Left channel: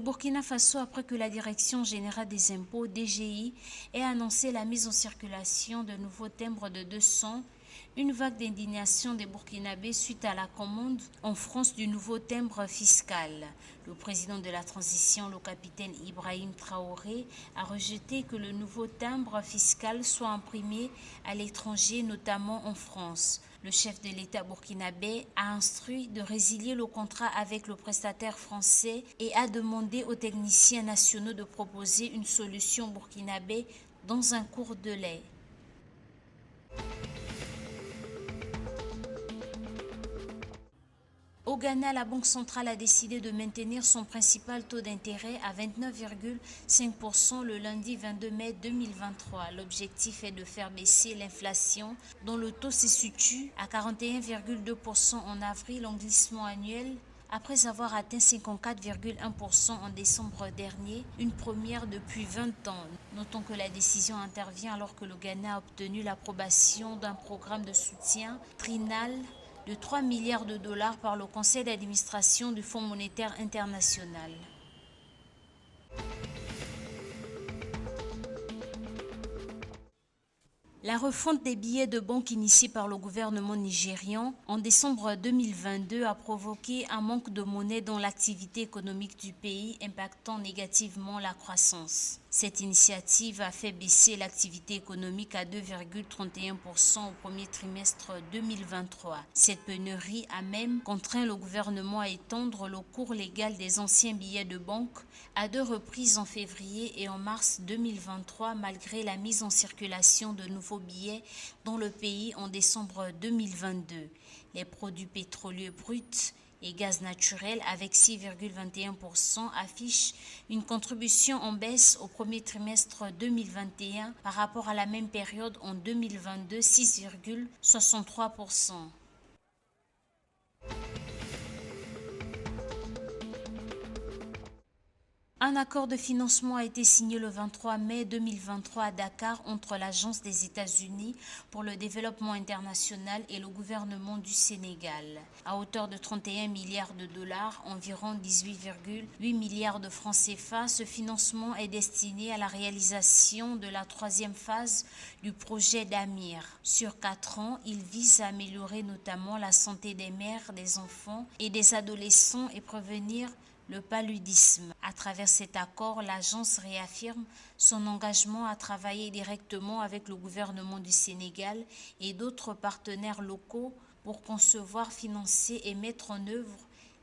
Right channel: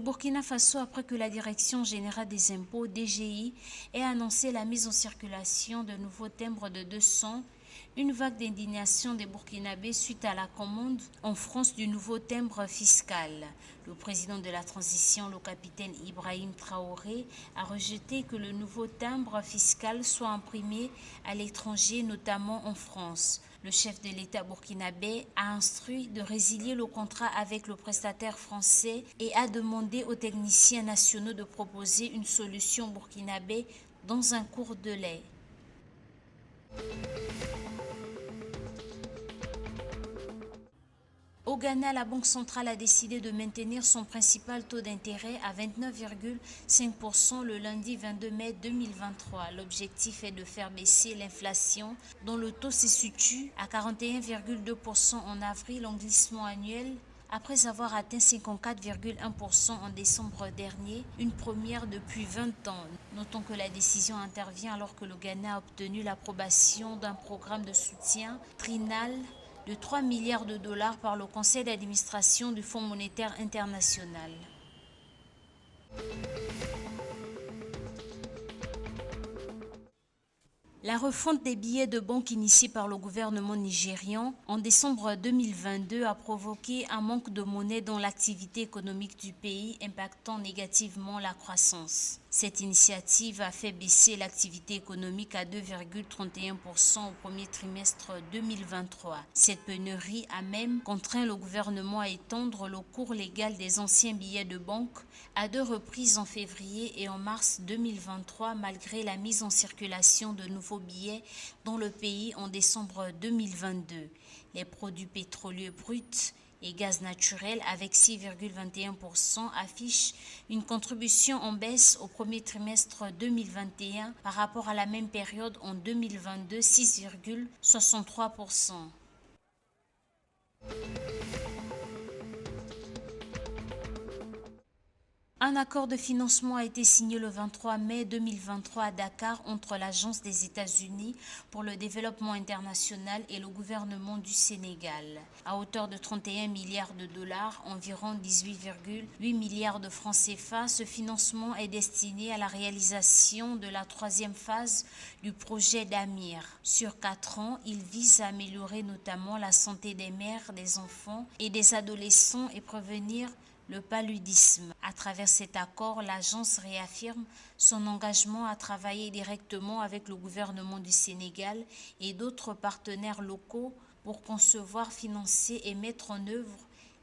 Burkina Faso, après que la Direction générale des impôts, DGI, ait annoncé la mise en circulation de nouveaux timbres de 200, une vague d'indignation des Burkinabés suite à la commande en France du nouveau timbre fiscal. Le président de la transition, le capitaine Ibrahim Traoré, a rejeté que le nouveau timbre fiscal soit imprimé à l'étranger, notamment en France. Le chef de l'État burkinabé a instruit de résilier le contrat avec le prestataire français et a demandé aux techniciens nationaux de proposer une solution burkinabé dans un court délai. Au Ghana, la Banque centrale a décidé de maintenir son principal taux d'intérêt à 29,5% le lundi 22 mai 2023. L'objectif est de faire baisser l'inflation, dont le taux se situe à 41,2% en avril, en glissement annuel, après avoir atteint 54,1% en décembre dernier, une première depuis 20 ans. Notons que la décision intervient alors que le Ghana a obtenu l'approbation d'un programme de soutien trinal de 3 milliards de dollars par le conseil d'administration du Fonds monétaire international. La refonte des billets de banque initiée par le gouvernement nigérian en décembre 2022 a provoqué un manque de monnaie dans l'activité économique du pays, impactant négativement la croissance. Cette initiative a fait baisser l'activité économique à 2,31% au premier trimestre 2023. Cette pénurie a même contraint le gouvernement à étendre le cours légal des anciens billets de banque à 2 reprises en février et en mars 2023, malgré la mise en circulation de nouveaux billets dans le pays en décembre 2022. Les produits pétroliers bruts et gaz naturel avec 6,21% affichent une contribution en baisse au premier trimestre 2021 par rapport à la même période en 2022, 6,63%. Un accord de financement a été signé le 23 mai 2023 à Dakar entre l'Agence des États-Unis pour le développement international et le gouvernement du Sénégal. À hauteur de 31 milliards de dollars, environ 18,8 milliards de francs CFA, ce financement est destiné à la réalisation de la 3e phase du projet d'Amir. Sur 4 ans, il vise à améliorer notamment la santé des mères, des enfants et des adolescents et prévenir le paludisme. À travers cet accord, l'agence réaffirme son engagement à travailler directement avec le gouvernement du Sénégal et d'autres partenaires locaux pour concevoir, financer et mettre en œuvre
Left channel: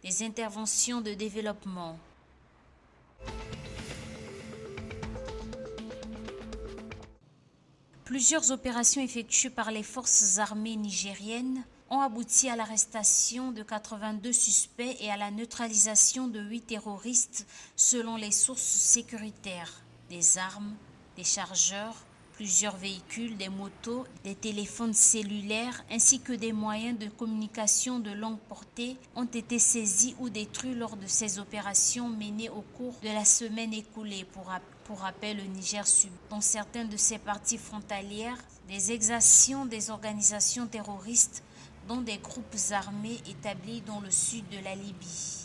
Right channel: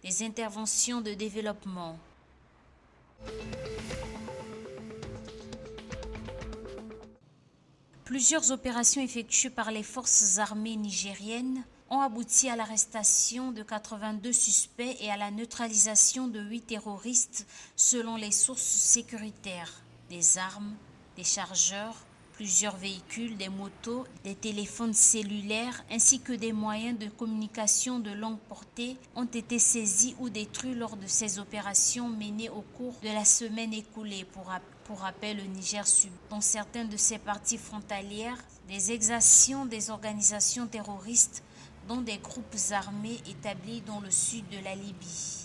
des interventions de développement. Plusieurs opérations effectuées par les forces armées nigériennes ont abouti à l'arrestation de 82 suspects et à la neutralisation de 8 terroristes selon les sources sécuritaires. Des armes, des chargeurs, plusieurs véhicules, des motos, des téléphones cellulaires ainsi que des moyens de communication de longue portée ont été saisis ou détruits lors de ces opérations menées au cours de la semaine écoulée. Pour rappel, le Niger subit dans certaines de ses parties frontalières des exactions des organisations terroristes dont des groupes armés établis dans le sud de la Libye.